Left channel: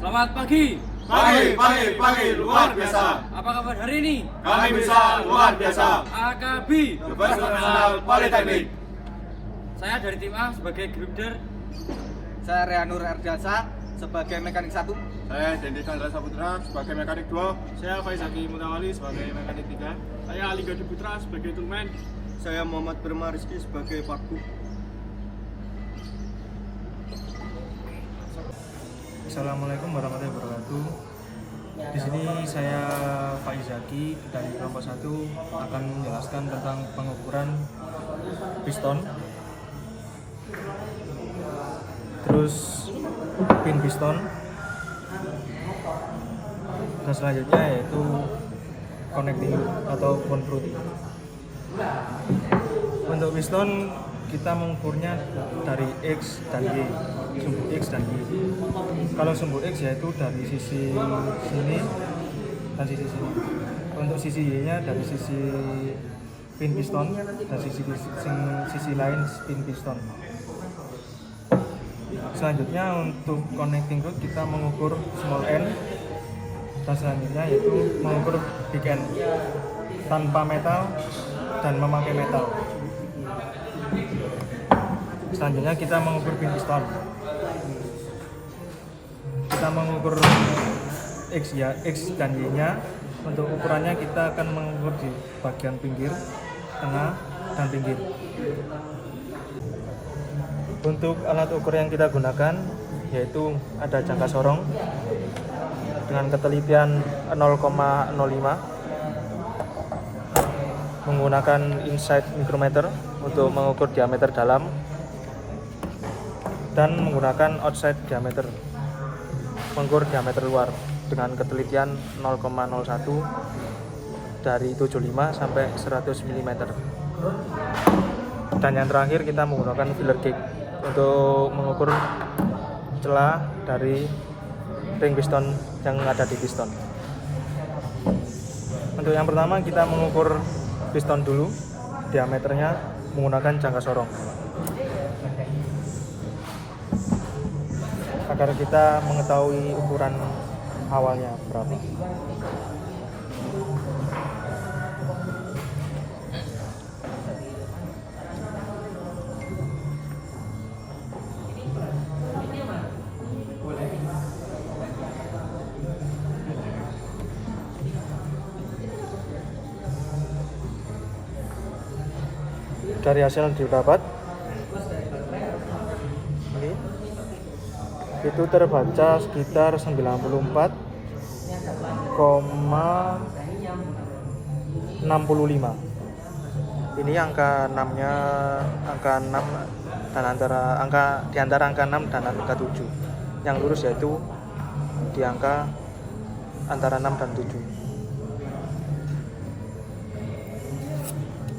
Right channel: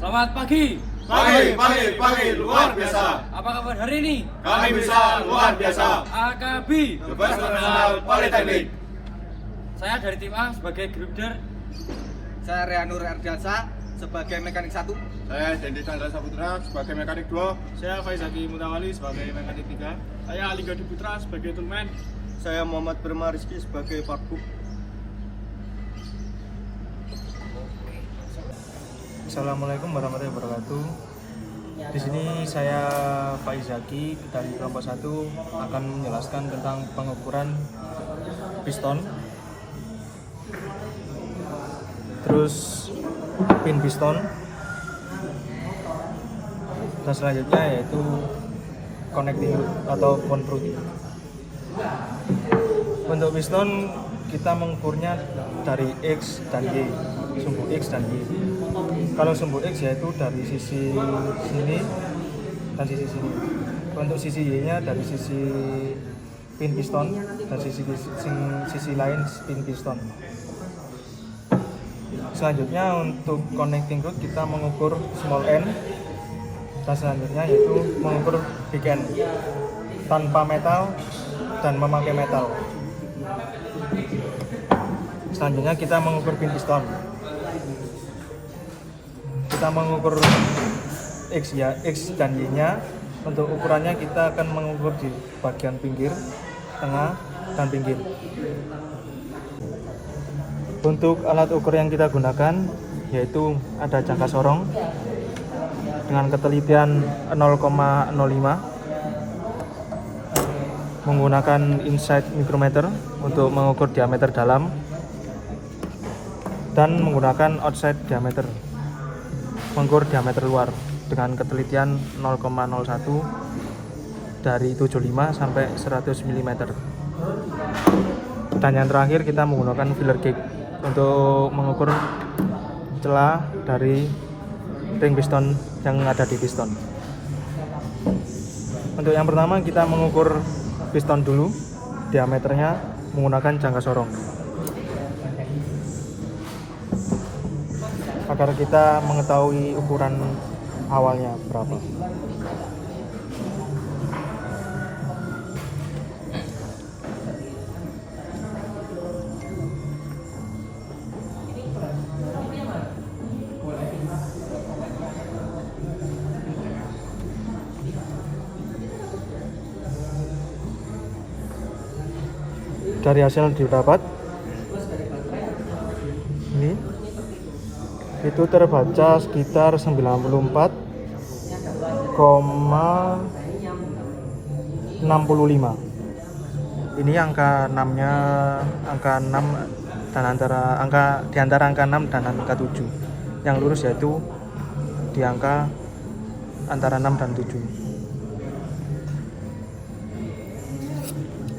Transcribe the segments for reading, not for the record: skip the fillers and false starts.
Selamat pagi. Pagi, luar biasa. Apa kabar hari ini? Kami bisa luar biasa. AKB Nasional Politeknik. Saya dari tim A sebagai group leader. Saya Rehanur Erdalsa sebagai mekanik 1. Saya Dendi Chandra Saputra sebagai mekanik 2. Saya Faizaki Mutawali sebagai mekanik 3. Saya Ali Gadi Putra sebagai toolman. Saya Muhammad Berma Rizky sebagai parkub. Assalamualaikum warahmatullahi wabarakatuh. Di sini saya Faizaki dari kelompok 1 akan menjelaskan tentang pengukuran piston, terus pin piston, dan selanjutnya yaitu connecting root atau bond root. Untuk piston kita mengukurnya dari X dan Y, sumbu X dan Y. Kalau sumbu X yaitu dari sisi sini dan sisi sini. Untuk sisi Y nya dari sisi pin piston dan sisi lain pin piston. Selanjutnya untuk connecting root kita mengukur small n, dan selanjutnya yaitu mengukur big N tanpa metal dan memakai metal. Selanjutnya kita mengukur pin piston. Kita mengukur X dan Y nya. Untuk ukurannya kita akan mengukur di bagian pinggir, tengah, dan pinggir. Untuk alat ukur yang kita gunakan yaitu ada jangka sorong dengan ketelitian 0,05, menggunakan inside micrometer untuk mengukur diameter dalam, dan menggunakan outside diameter, mengukur diameter luar dengan ketelitian 0,01 dari 75 sampai 100 mm. Dan yang terakhir kita menggunakan filler gauge untuk mengukur celah dari ring piston yang ada di piston. Untuk yang pertama kita mengukur piston dulu, diameternya menggunakan jangka sorong agar kita mengetahui ukuran awalnya berapa. Dari hasil didapat ini itu terbaca sekitar 94,65. Ini angka 6 nya angka 6 dan di antara angka 6 dan angka 7. Yang lurus yaitu di angka antara 6 dan 7.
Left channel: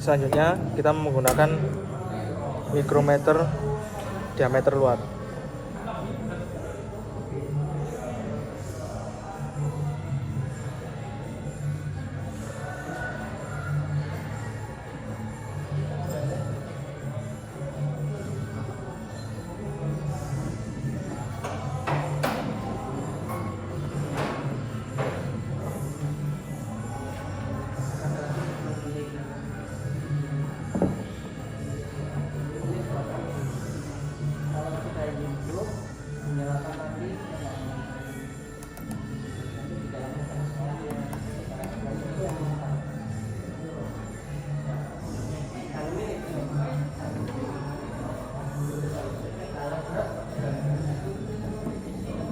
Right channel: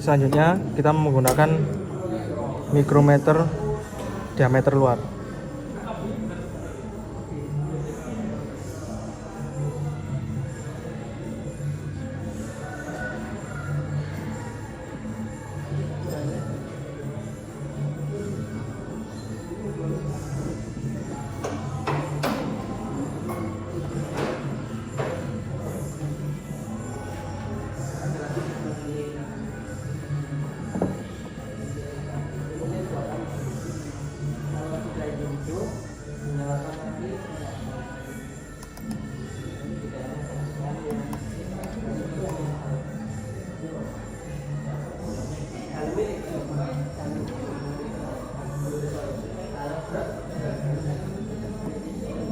Selanjutnya kita menggunakan micrometer diameter luar.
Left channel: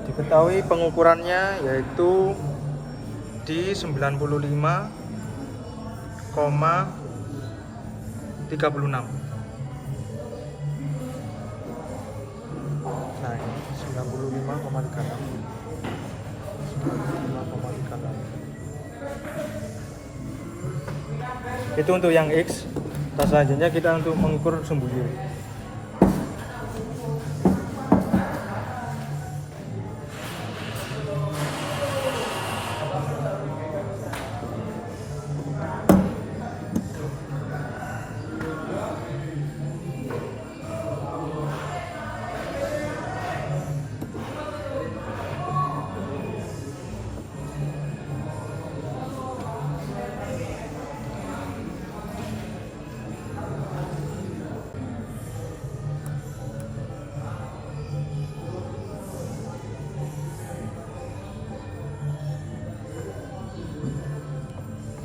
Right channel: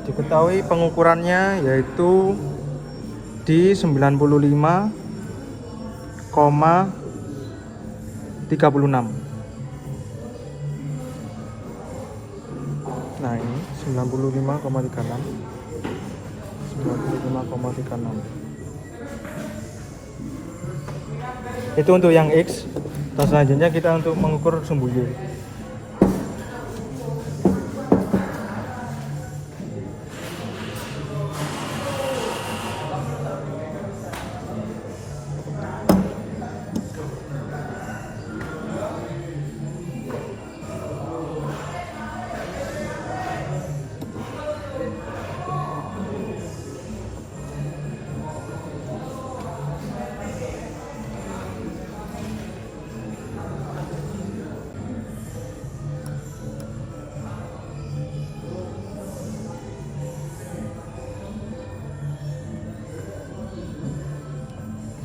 Diketahui pengukurannya yaitu di 95,36. Nah ini 95,36. Itu untuk yang X. Dan selanjutnya kita untuk mengukur sumbu Y.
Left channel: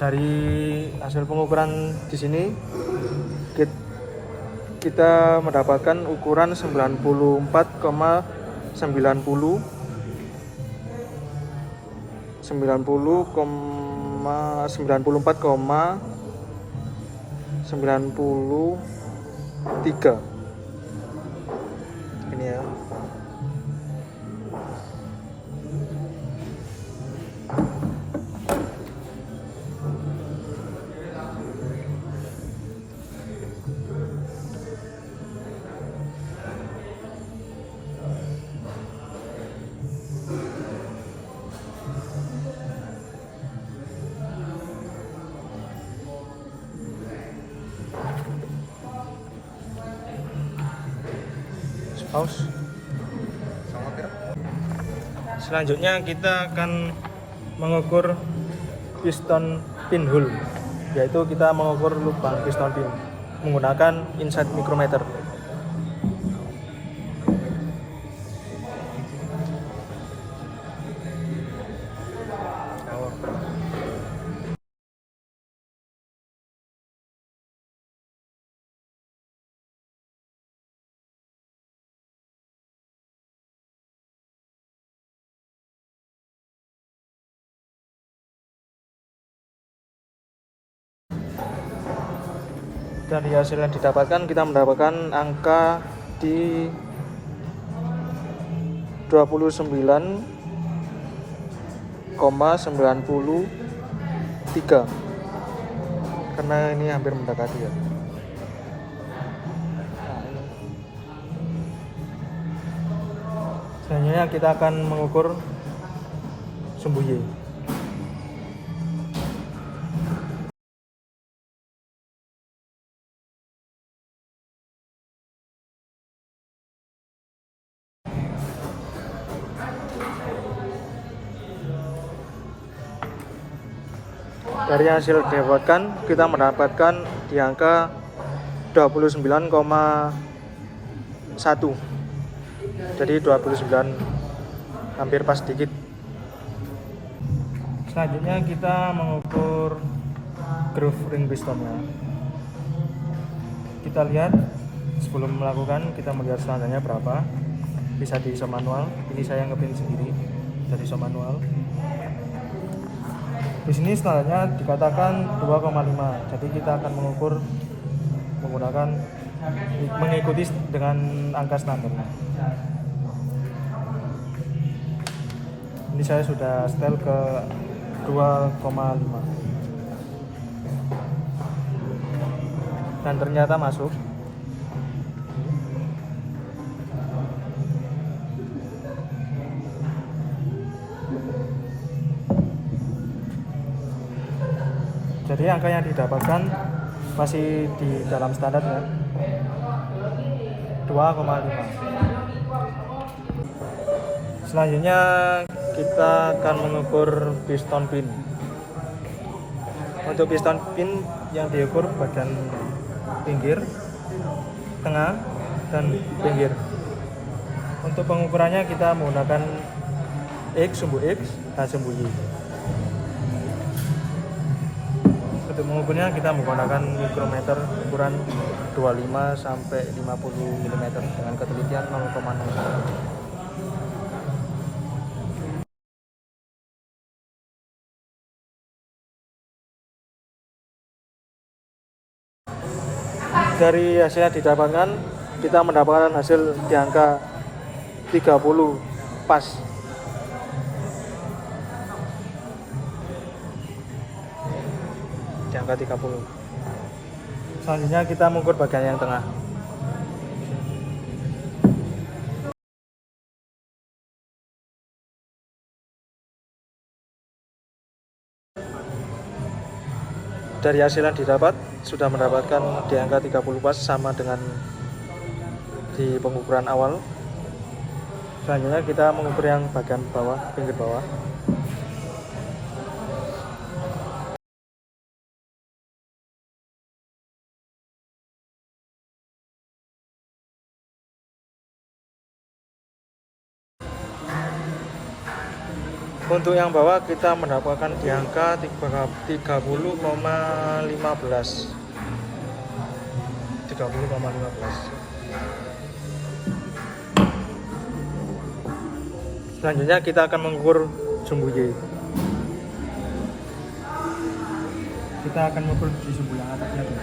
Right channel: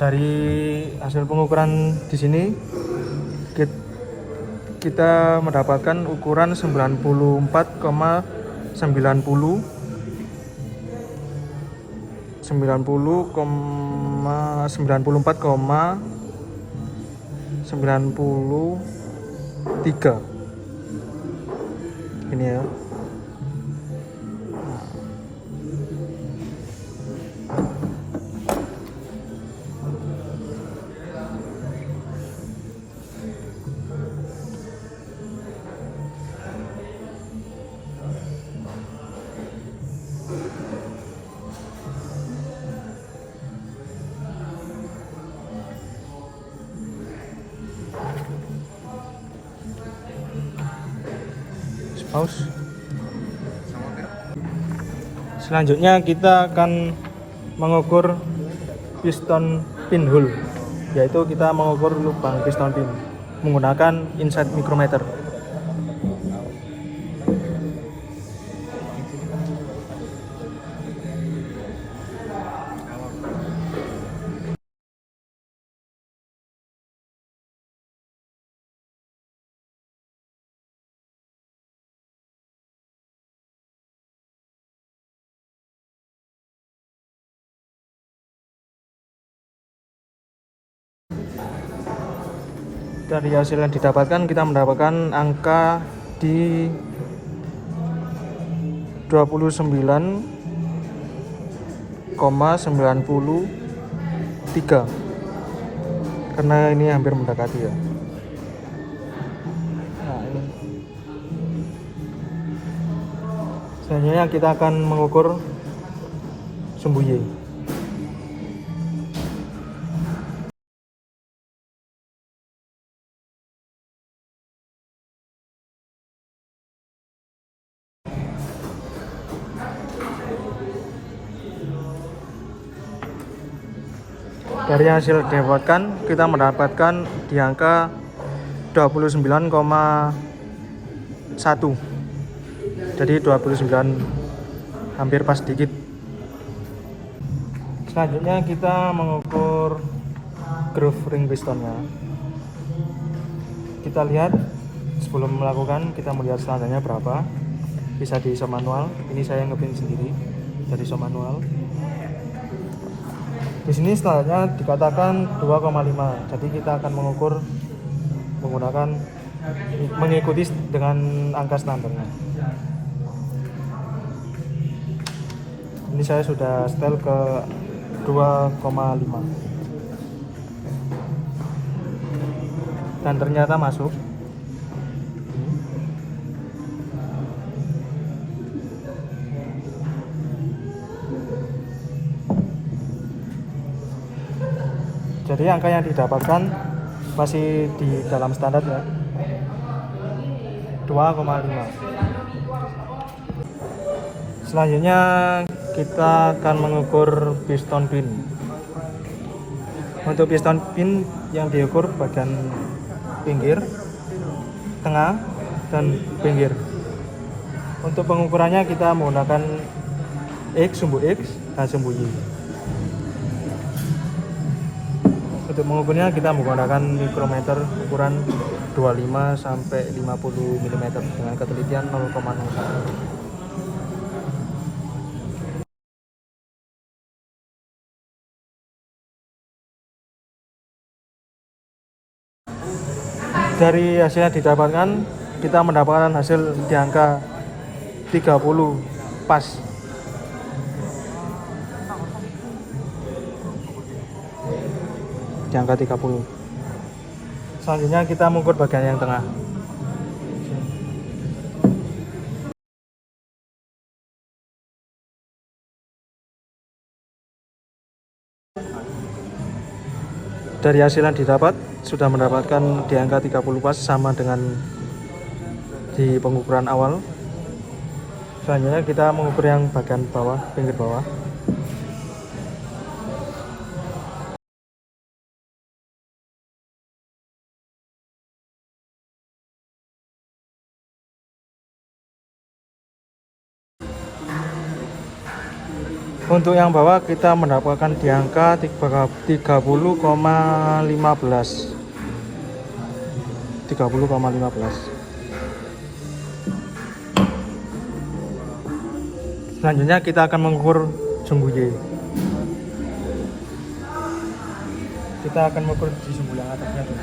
Dari hasil pengukuran di sini kita mendapatkan ukuran 94,93 ini ya. Selanjutnya kita akan mengukur piston pinhole, yaitu kita mengukur lubang piston pin menggunakan inset micrometer. Dari hasil yang didapatkan, kita mendapatkan angka di 29,93 karena ini hampir mendekati ya. Selanjutnya kita akan mengukur sumbu Y. Dari hasil didapatkan, kita mendapatkan di angka 29,1. Jadi 29 hampir pas dikit. Selanjutnya kita mengukur groove ring pistonnya. Kita lihat sebelum melakukan, kita melihat standarnya berapa. Bisa di iso manual. Ini saya ngepin sendiri dari iso manual. Di sini standarnya dikatakan 2,5. Jadi kita akan mengukur mengikuti dengan angka standarnya. Ini saya sudah setel ke 2,5 dan ternyata masuk. Jadi angka yang didapatkan masih di dalam standarnya 2,5. Selanjutnya kita akan mengukur piston pin. Untuk piston pin yang diukur bagian pinggir, tengah, dan pinggir. Untuk pengukurannya kita menggunakan sumbu X dan sumbu Y. Untuk mengukurnya kita menggunakan mikrometer ukuran 25 sampai 50 mm dengan ketelitian 0,0. Dari hasil yang didapatkan, kita mendapatkan hasil di angka 30 pas. Di angka 30. Selanjutnya kita mengukur bagian yang tengah. Dari hasil yang didapat sudah mendapatkan di angka 30 pas, sama dengan di pengukuran awal. Selanjutnya kita mengukur yang bagian bawah, pinggir bawah. Untuk yang bawah kita mendapatkan di angka 30,15. 30,15. Selanjutnya kita akan mengukur sumbu Y. Kita akan mengukur di sumbu yang atasnya dulu.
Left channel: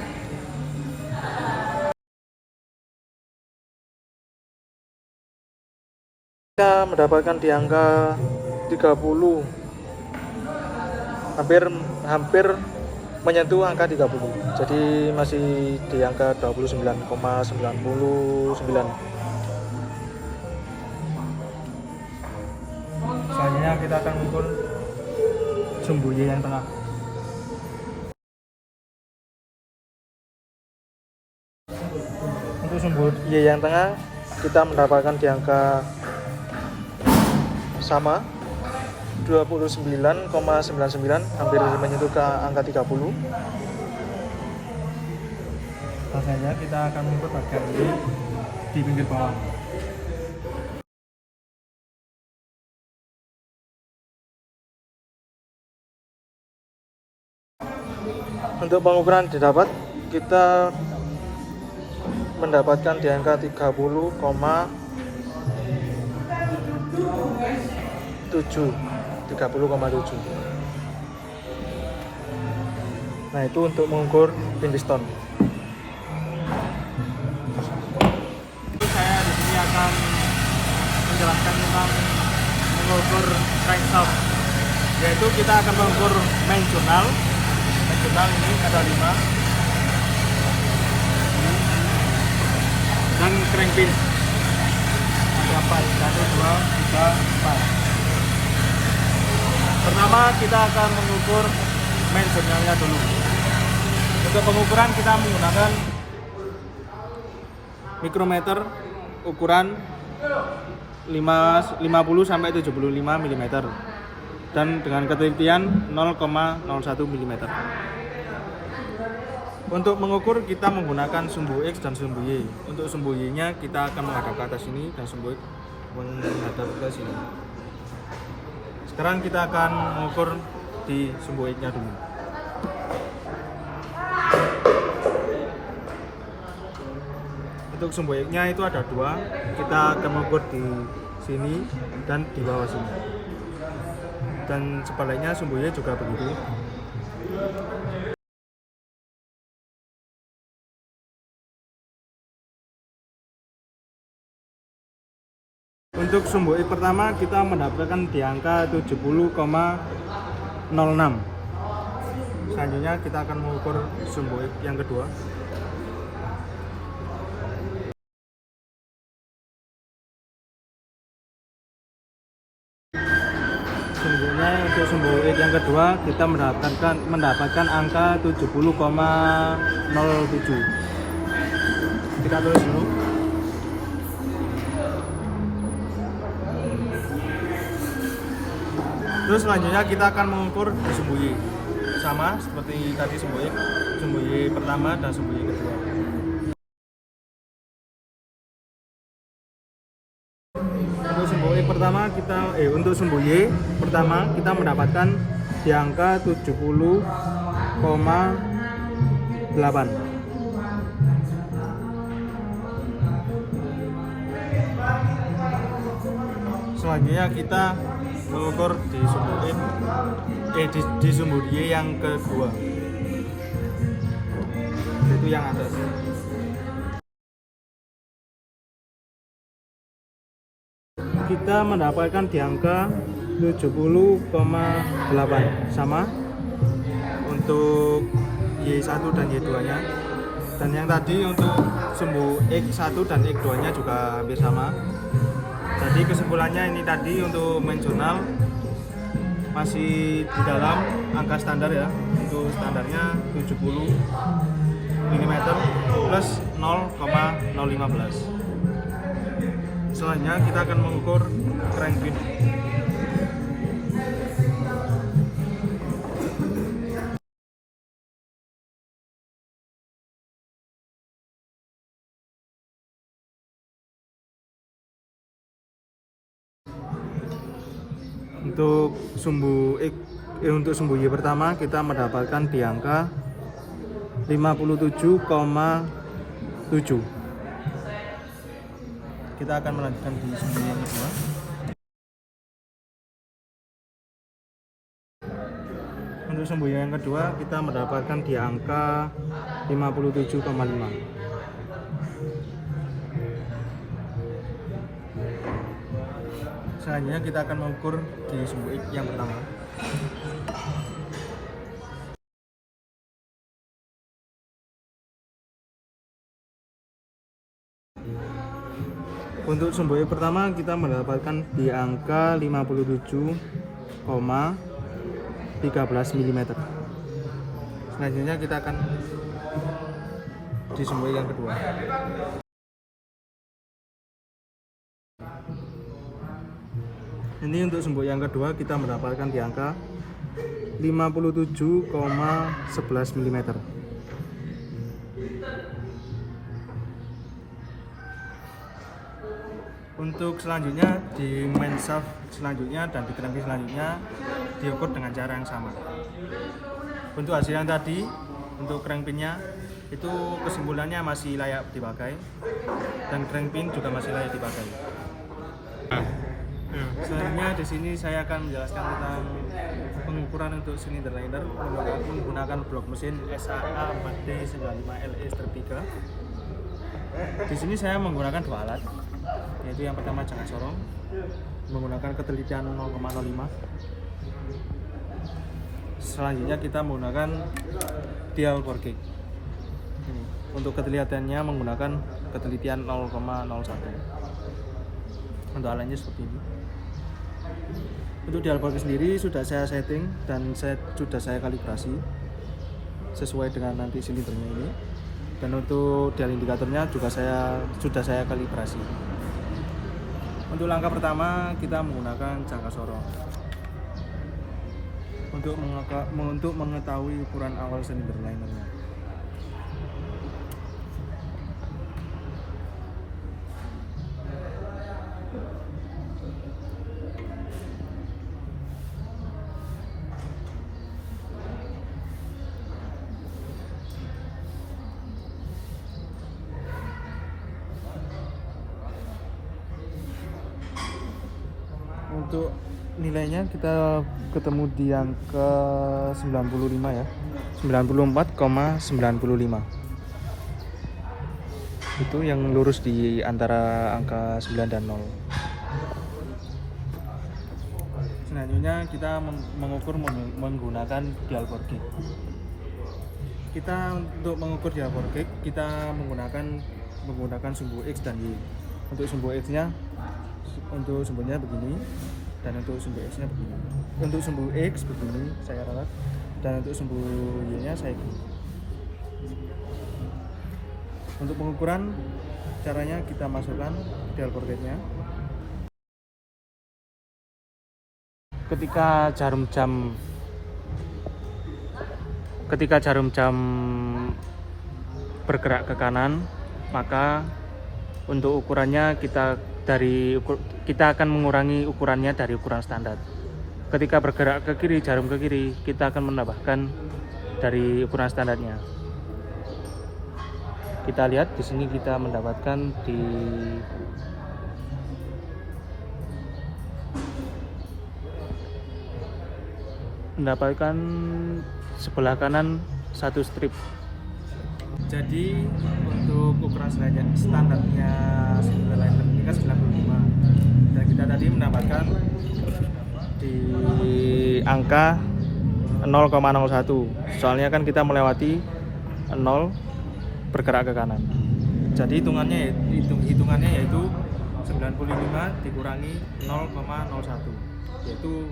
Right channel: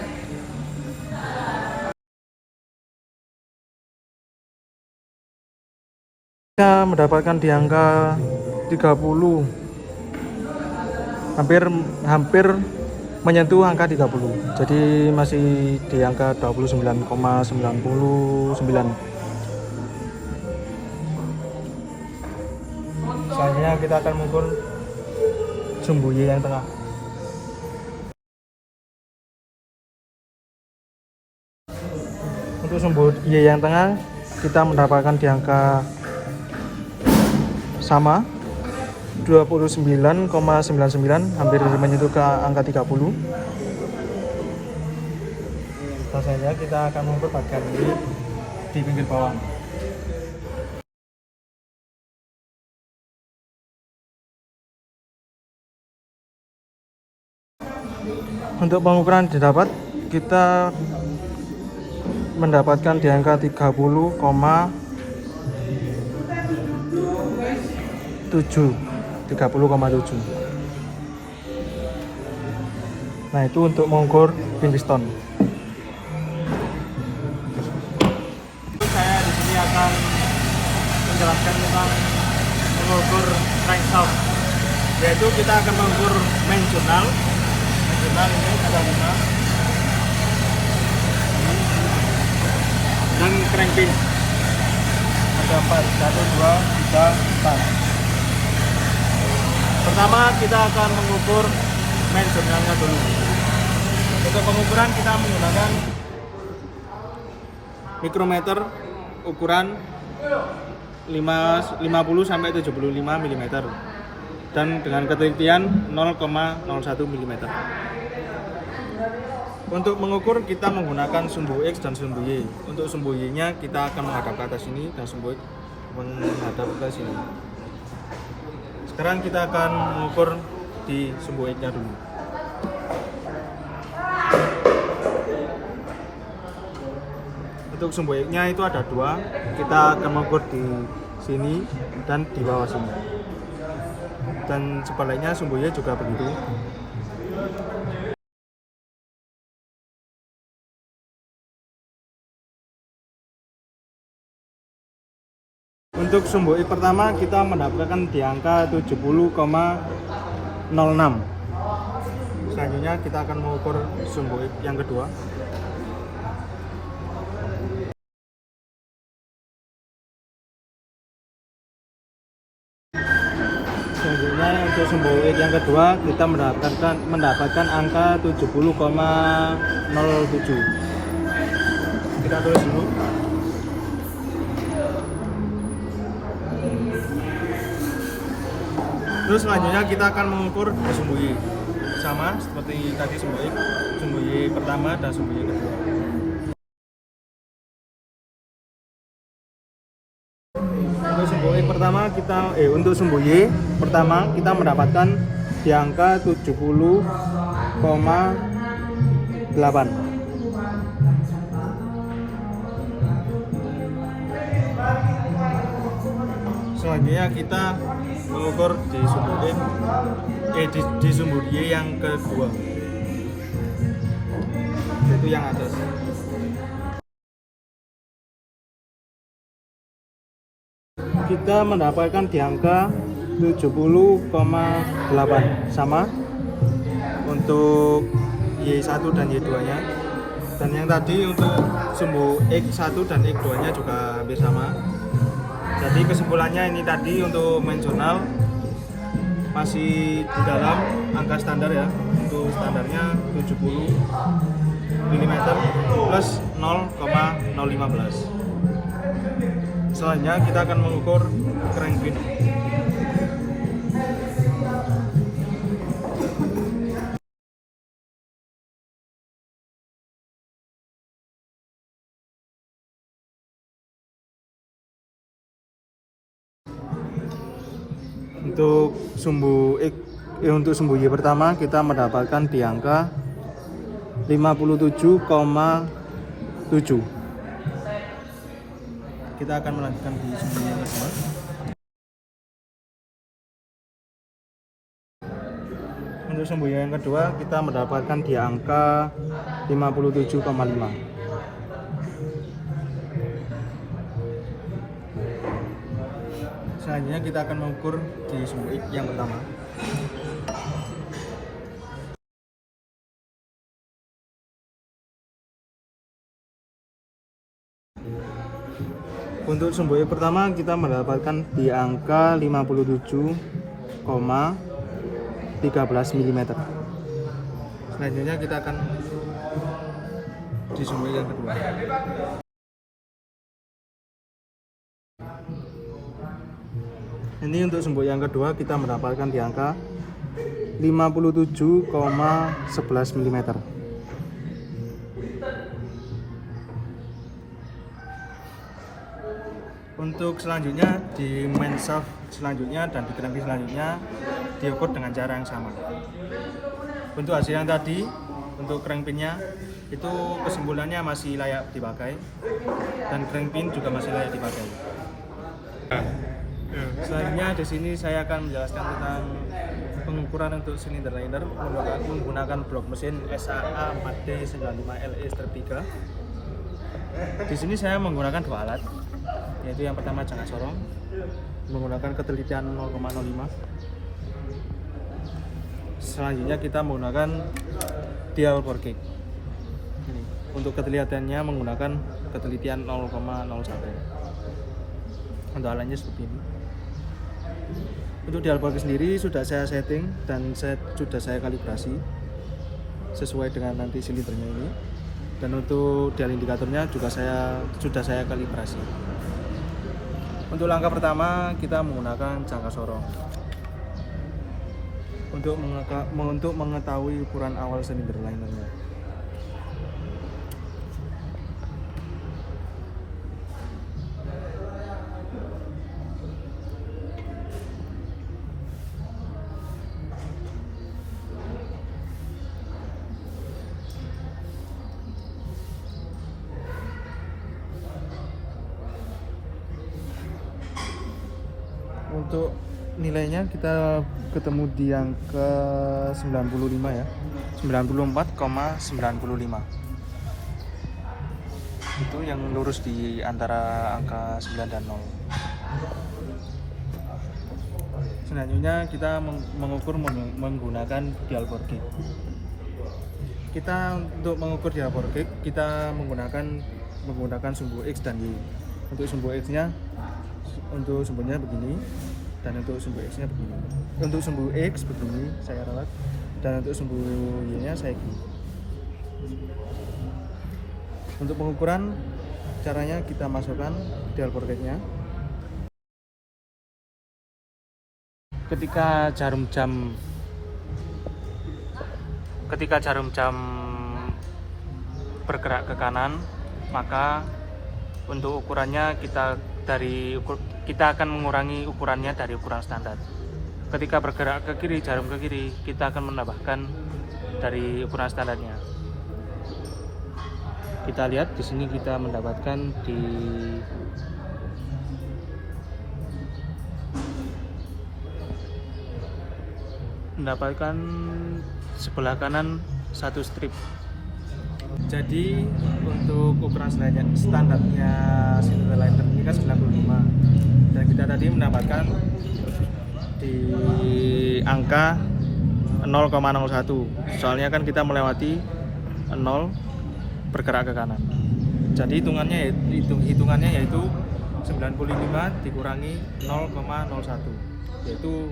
Kita mendapatkan di angka 30, hampir menyentuh angka 30, jadi masih di angka 29,99. Selanjutnya kita akan mengukur sumbu Y yang tengah. Untuk sumbu Y yang tengah kita mendapatkan di angka sama 29,99, hampir menyentuh ke angka 30. Rasanya kita akan mengukur bagian ini di pinggir bawah. Untuk pengukuran didapat, kita mendapatkan di angka 30,7. Nah, itu untuk mengukur piston. Saya di sini akan menjelaskan tentang mengukur crankshaft, yaitu kita akan mengukur main jurnal. Main jurnal ini ada 5 dan crankpin ada 4, 1, 2, 3, 4. Pertama kita akan mengukur main jurnalnya dulu. Untuk pengukuran kita menggunakan mikrometer ukuran 50 sampai 75 mm dan dengan ketelitian 0,01 mm. Untuk mengukur kita menggunakan sumbu X dan sumbu Y. Untuk sumbu Y nya kita akan menghadap ke atas sini dan sumbu X menghadap ke sini. Sekarang kita akan mengukur di sumbu X nya dulu. Untuk sumbu X nya itu ada 2. Kita akan mengukur di sini dan di bawah sini. Dan sebaliknya sumbu Y juga begitu. Untuk sumbu X pertama kita mendapatkan di angka 70,06. Selanjutnya kita akan mengukur sumbu X yang kedua. Selanjutnya untuk sumbu X yang kedua kita mendapatkan angka 70,07. Kita tulis dulu. Terus selanjutnya kita akan mengukur di sumbu Y, sama seperti tadi sumbu X, sumbu Y pertama dan sumbu Y kedua. Untuk sumbu Y pertama untuk sumbu Y pertama kita mendapatkan di angka 70,8. Selanjutnya kita mengukur di sumbu di sumbu Y yang kedua, yaitu yang atas. Kita mendapatkan di angka 70,8, sama untuk Y1 dan Y2 nya. Dan yang tadi untuk sumbu X1 dan X2 nya juga hampir sama. Jadi kesimpulannya ini tadi untuk main jurnal masih di dalam angka standar ya. Untuk standarnya 70 mm plus 0,015. Selanjutnya kita akan mengukur crankpin. Untuk sumbu untuk sumbu Y pertama kita mendapatkan di angka 57,7. Kita akan melanjutkan di sumbu yang kedua. Untuk sumbu yang kedua kita mendapatkan di angka 57,5. Selanjutnya kita akan mengukur di sumbu X yang pertama. Untuk sumbu X pertama kita mendapatkan di angka 57,13 mm. Selanjutnya kita akan di sumbu yang kedua. Ini untuk sumbu yang kedua kita mendapatkan di angka 57,11 mm. Untuk selanjutnya di main shaft selanjutnya dan di crankpin selanjutnya diukur dengan cara yang sama. Untuk hasil yang tadi, untuk crankpinnya itu kesimpulannya masih layak dipakai dan crankpin juga masih layak dipakai. Selanjutnya di sini saya akan menjelaskan tentang pengukuran untuk silinder liner menggunakan blok mesin SAA 4D95LE strip 3. Di sini saya menggunakan dua alat, yaitu yang pertama jangka sorong menggunakan ketelitian 0,05. Selanjutnya kita menggunakan dial bore gauge. Untuk ketelitiannya menggunakan ketelitian 0,01. Untuk alatnya seperti ini. Untuk dial bore gauge sendiri sudah saya setting dan sudah saya kalibrasi sesuai dengan nanti silindernya ini. Dan untuk dial indikatornya juga sudah saya kalibrasi. Untuk langkah pertama kita menggunakan jangka sorong untuk mengetahui ukuran awal silinder linernya. Untuk nilainya kita ketemu di angka 95 ya, 94,95. Itu yang lurus di antara angka 9 dan 0. Selanjutnya kita mengukur menggunakan dial bore gauge. Kita untuk mengukur dial bore gauge kita menggunakan sumbu X dan Y. Untuk sumbu X-nya untuk sumbunya begini dan untuk sumbu X nya begini. Untuk sumbu X begini saya rawat dan untuk sumbu Y nya saya gini. Untuk pengukuran caranya kita masukkan dial bore gauge nya. Ketika jarum jam bergerak ke kanan, maka untuk ukurannya kita akan mengurangi ukurannya dari ukuran standar. Ketika bergerak ke kiri, jarum ke kiri, kita akan menambahkan dari ukuran standarnya. Kita lihat di sini kita mendapatkan sebelah kanan satu strip. Jadi untuk ukuran standarnya silinder liner ini kan 95 dan kita tadi mendapatkan di angka 0,01. Soalnya kan kita melewati 0 bergerak ke kanan. Jadi hitungannya yaitu 95 dikurangi 0,01, yaitu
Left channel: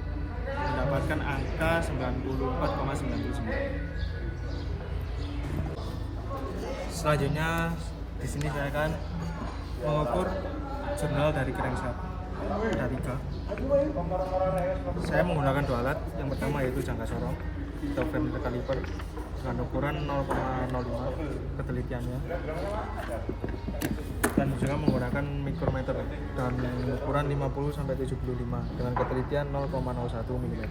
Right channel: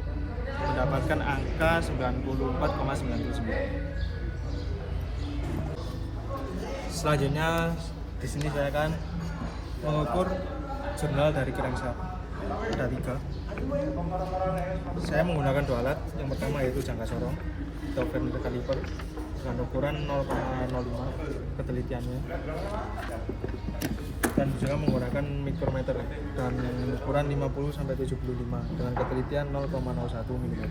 mendapatkan angka 94,99. Selanjutnya di sini saya akan mengukur jurnal dari crankshaft. Ada 3. Saya menggunakan dua alat. Yang pertama yaitu jangka sorong atau frame caliper dengan ukuran 0,05 ketelitiannya. dan juga menggunakan mikrometer dan ukuran 50 sampai 75 dengan ketelitian 0,01 mm.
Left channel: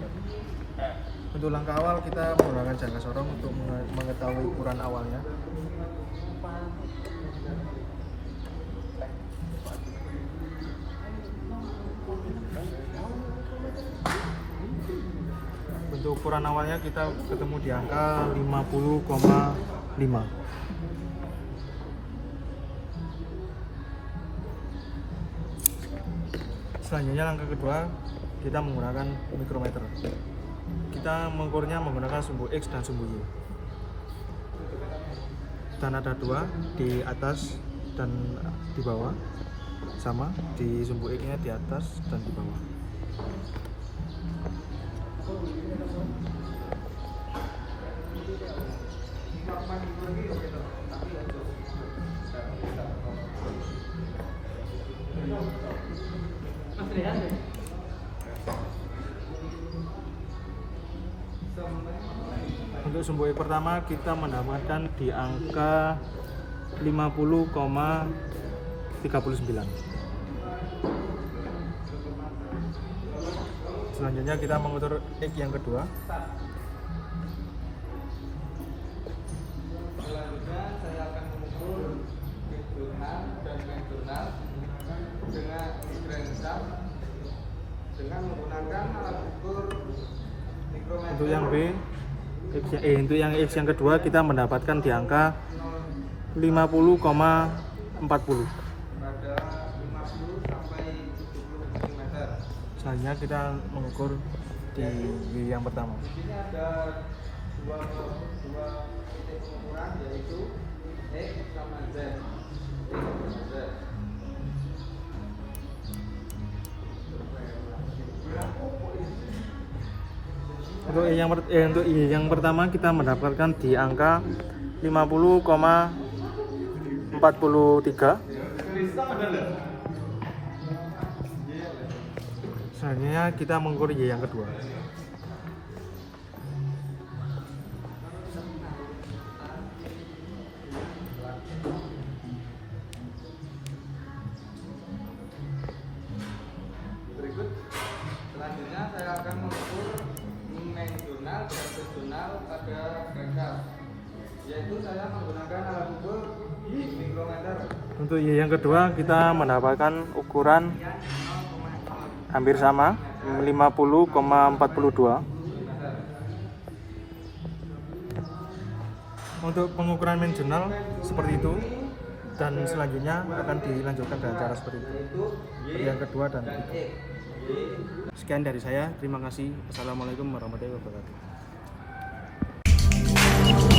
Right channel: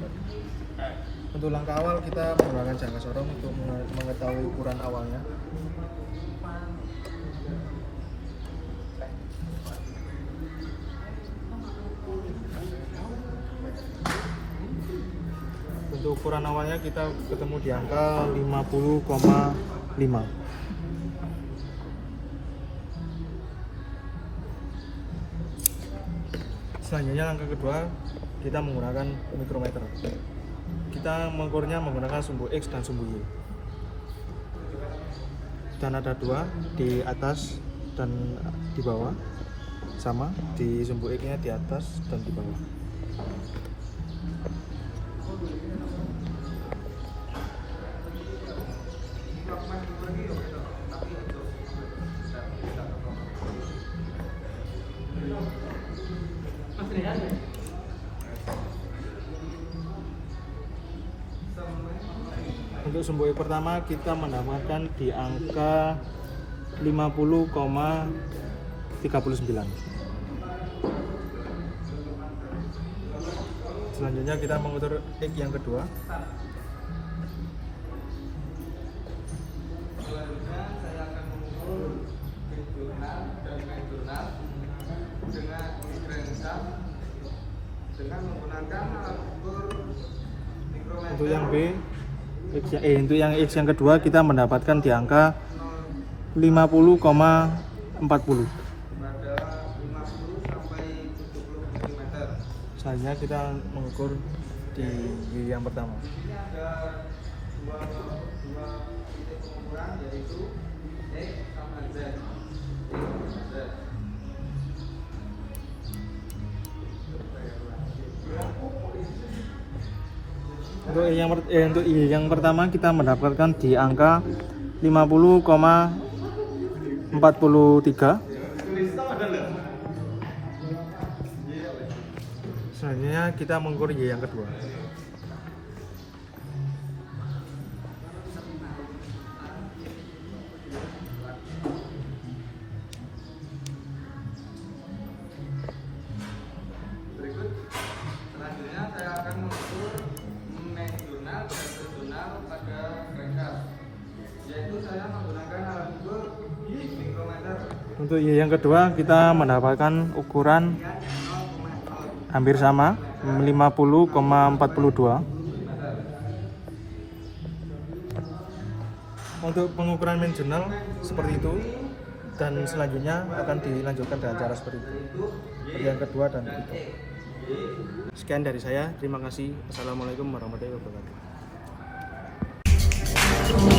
Untuk langkah awal kita menggunakan jangka sorong untuk mengetahui ukuran awalnya. Untuk ukuran awalnya kita ketemu di angka 50,5. Selanjutnya langkah kedua kita menggunakan mikrometer. Kita mengukurnya menggunakan sumbu X dan sumbu Y. Dan ada dua di atas dan di bawah, sama di sumbu X nya di atas dan di bawah. Untuk sumbu X pertama kita mendapatkan di angka 50,39. Selanjutnya kita mengukur X yang kedua. Untuk yang B, untuk yang X yang kedua kita mendapatkan di angka 50,40. Selanjutnya kita mengukur di Y yang pertama. Untuk Y yang pertama kita mendapatkan di angka 50,43. Selanjutnya kita mengukur Y yang kedua. Untuk Y yang kedua kita mendapatkan ukuran hampir sama 50,42. Untuk pengukuran main jurnal seperti itu, dan selanjutnya akan dilanjutkan dengan cara seperti itu, seperti yang kedua dan ketiga. Sekian dari saya, terima kasih. Assalamualaikum warahmatullahi wabarakatuh.